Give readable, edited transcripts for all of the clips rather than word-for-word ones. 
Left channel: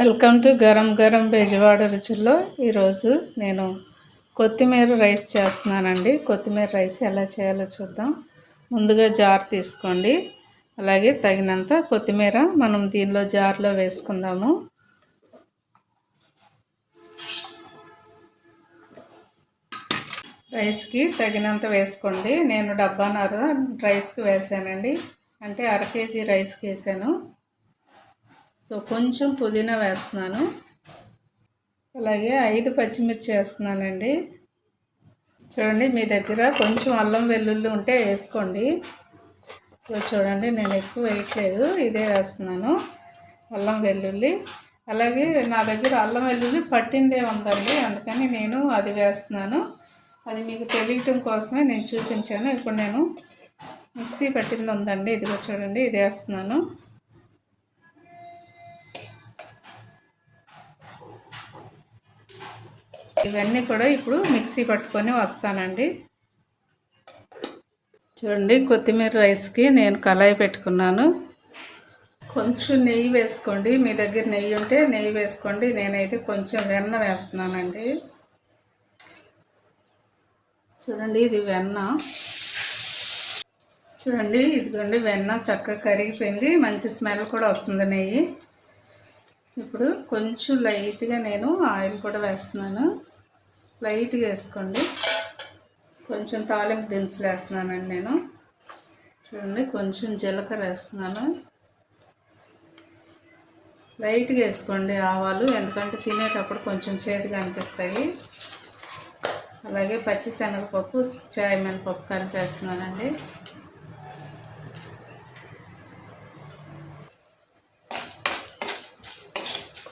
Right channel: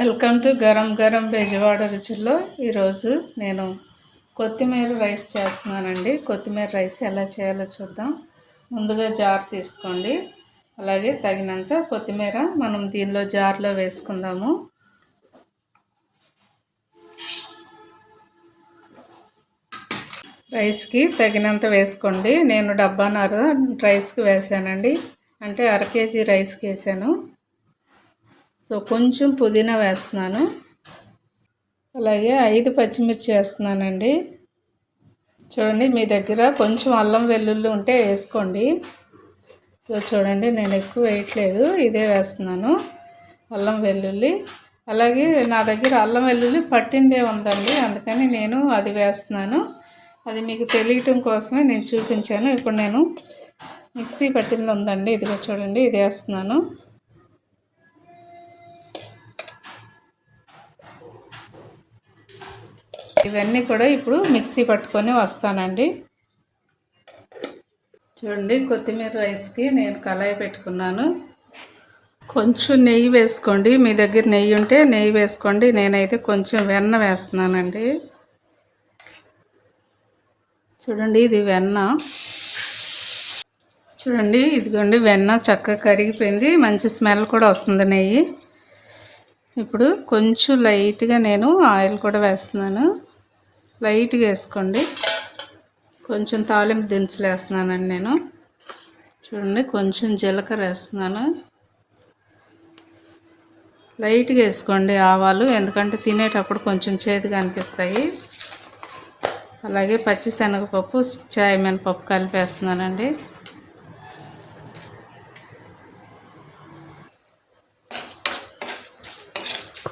Welcome to Garam Garam Bezawada రుచుల్లో. ఈరోజు నేను కొత్తిమీర రైస్ చేస్తున్నానండి. కొత్తిమీర రైస్ ఎలా చేయాలో చూద్దాం. ముందుగా జార్ తీసుకోండి. అలాగే తగినంత కొత్తిమీర మనం దీనిలో జార్లో వేసుకుందాము. రైస్కి తగినంత వేసుకోండి. నేను డబ్బాన్నర రైస్కి వేసానండి, అంటే అర కేజీ రైస్కి వేసాను. సో కొంచెం పుదీనా వేస్తున్నాను. అలాగే 5 పచ్చిమిర్చి వేస్తున్నానండి. చూడండి, మీ దగ్గర కొంచెం అల్లం వెల్లుల్లి ఉంటే వేసుకోండి. సో చూడండి, నేను ఎక్కువ వేయట్లేదు, ఇదే వేస్తున్నాను అల్లం వెల్లుల్లి. అలాగే నా దగ్గర అల్లం వెల్లుల్లి పట్టిందే ఉందండి, అందుకని నేను అది వేస్తున్నాను. అది మీకు తెలియటం కోసమే నేను చూపించాను. ఇప్పుడు నేను మిక్సీ పట్టింది ఉందండి, ఇదిగో చూడండి, ఇది వేస్తున్నాను. ఇవన్నీ కూడా ఇప్పుడు మిక్సీ పట్టుకొని వస్తానండి. చూడండి, కొత్తిమీర రైస్కి నేను కళాయి పెట్టుకున్నాను. కొంచెం నెయ్యి వేసుకోండి, మీ దగ్గర నెయ్యి ఉంటే నెయ్యి వేసుకోండి. నేనైతే కొంచెం వెన్న వేస్తున్నానండి. చూడండి, ఇది వెన్న. చూడండి, ఇదిగోండి వెన్న చక్కగా కరిగిపోయింది, మంచి స్మెల్ కూడా వస్తుంది నెయ్యి. ఇప్పుడు కొంచెం లైట్గా నేను ఆయిల్ కూడా వేస్తున్నాను. లైట్గా వేసుకోండి. కొంచెం తాలింపు దినుసులు వేస్తున్నానండి నేను. చూడండి, కొంచెం జీలకర్ర వేస్తున్నాను. లైట్గా వేసుకోండి ఆవాలు, ఎందుకంటే తినేటప్పుడు కొంచెం చేదుగా అనిపిస్తాయి. అలాగే పచ్చిశనగపప్పు, చాయ్ మినపప్పు కలిపేస్తున్నానండి.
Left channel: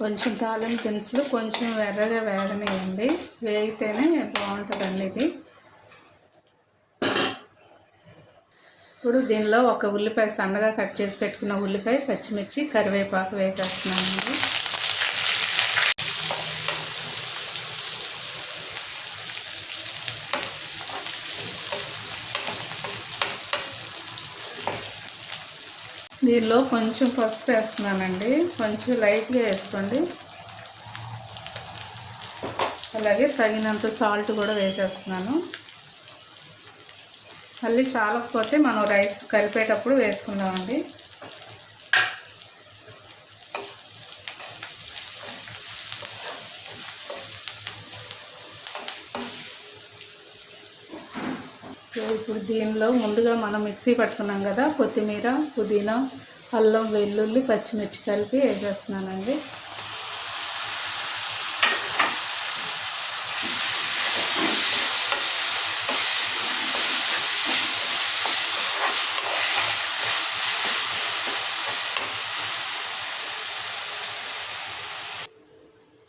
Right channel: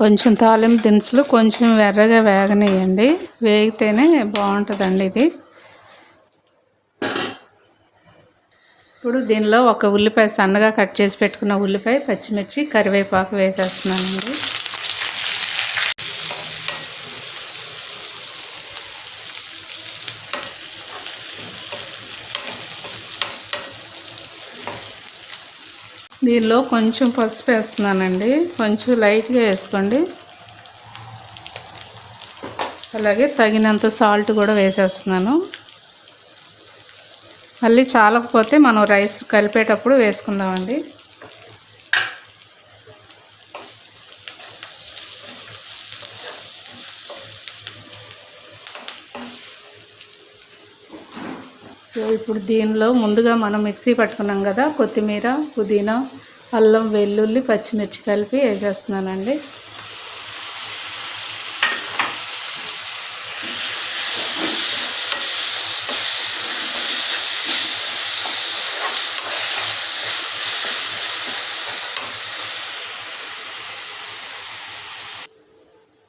కొంచెం తాలింపు దినుసులు కొంచెం ఎర్రగా వేగనియండి, వేగితేనే బాగుంటుందండి ఇది. ఇప్పుడు దీనిలో ఒక ఉల్లిపాయ, సన్నగా కట్ చేసి పెట్టుకున్న ఉల్లిపాయ, పచ్చిమిర్చి, కరివేపాకు వేసేస్తున్నానండి. దీనిలో కొంచెం పసుపు వేస్తున్నానండి, కొంచెం లైట్గా వేసుకోండి. అలాగే తగినంత సాల్ట్ కూడా వేసేస్తున్నాను. మళ్ళీ చాలకపోతే మనం రైస్ కలిపేటప్పుడు వేసుకుందామండి. సో ఇప్పుడు దీనిలో ముందుగా మనం మిక్సీ పట్టుకున్నాం కదా, కొత్తిమీర, పుదీనా, అల్లం వెల్లుల్లి, పచ్చిమిర్చి కలిపి వేసేస్తున్నానండి.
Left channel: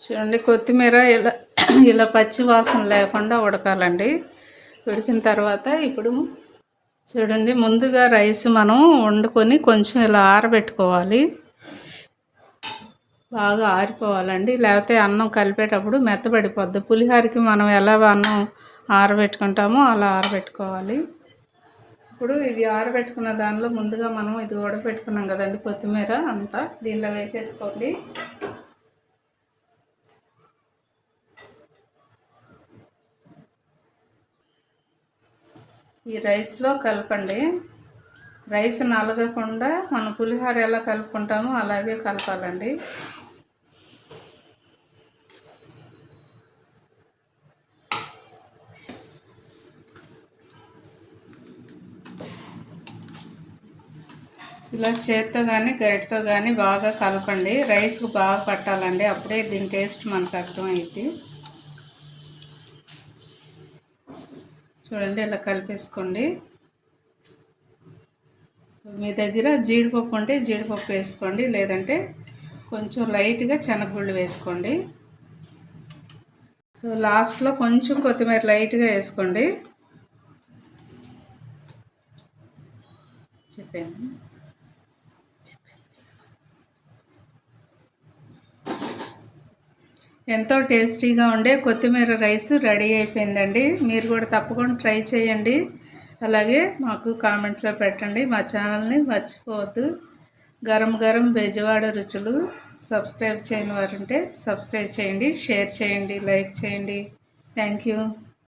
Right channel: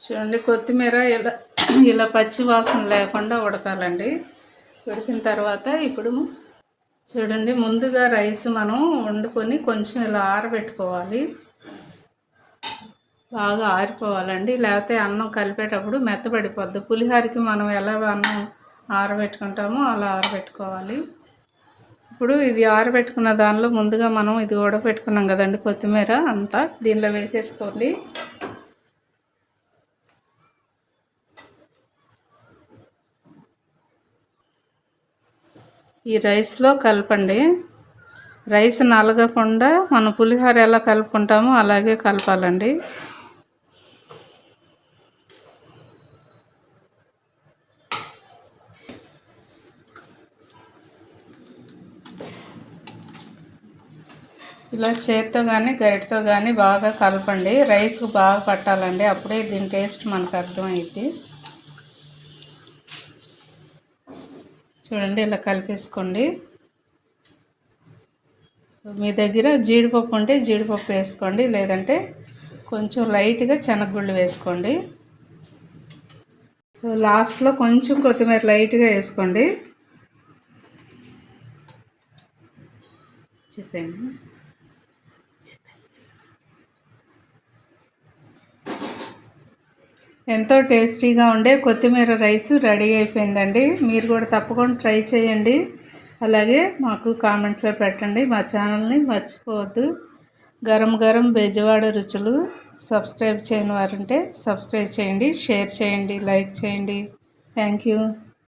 చూడండి, కొత్తిమీర ఇలా పచ్చి వాసన లేకుండా ఉడకాలండి. ఉడికిన తర్వాత ఇప్పుడు చూడండి, ముందుగా రైస్ మనం వండుకొని కొంచెం ఇలా ఆరబెట్టుకోవాలి. బాగా ఆరిపోవాలండి, లేకపోతే అన్నం కలిపేటప్పుడు మెత్తబడిపోద్ది. పులిహోరకి మనం ఎలా అన్నం ఆరబెట్టుకుంటామో అలా ఆరబెట్టుకోవాలి. ఇప్పుడు ఇది ఆరబెట్టుకున్న దానిలో ముందుగా మనం ఇది ఉడకబెట్టుకున్నాం కదండి, కొత్తిమీర అంతా దీనిలో వేసేసుకోండి. ఈ రైస్లో కలపండి. రైస్ నలగకుండా మనం పులిహోర ఎలా కలుపుకుంటామో అలాగే కలపాలండి. ఇలా చేత్తో కానీ గరిటతో కానీ బాగా కలపండి. రైస్కు బాగా పట్టాలండి, అప్పుడే దీని టేస్ట్ మనకు అర్థమైద్ది. చూడండి, ఇలా కలిపేసుకోండి. మీ దగ్గర జీడిపప్పు ఉంటే జీడిపప్పు వేసుకోండి, లేదంటే కొంచెం లైట్గా శనగగుళ్ళు వేసుకోండి. లాస్ట్లో కొంచెం కొత్తిమీర లైట్గా వేసుకోండి. చెప్పాను. ఎంతో టేస్టీగా ఉండే కొత్తిమీర రైస్ రెడీ అయిపోయిందండి. మీరు కూడా తప్పకుండా ట్రై చేయండి. అలాగే మాకు కామెంట్లో పెట్టండి. మా ఛానల్ని మర్చిపోవద్దు. గరం గరం బెజవాడ రుచులు. సబ్స్క్రైబ్ చేయని వారు ఉంటే సబ్స్క్రైబ్ చేయండి, షేర్ చేయండి, లైక్ చేయండి. Thank you.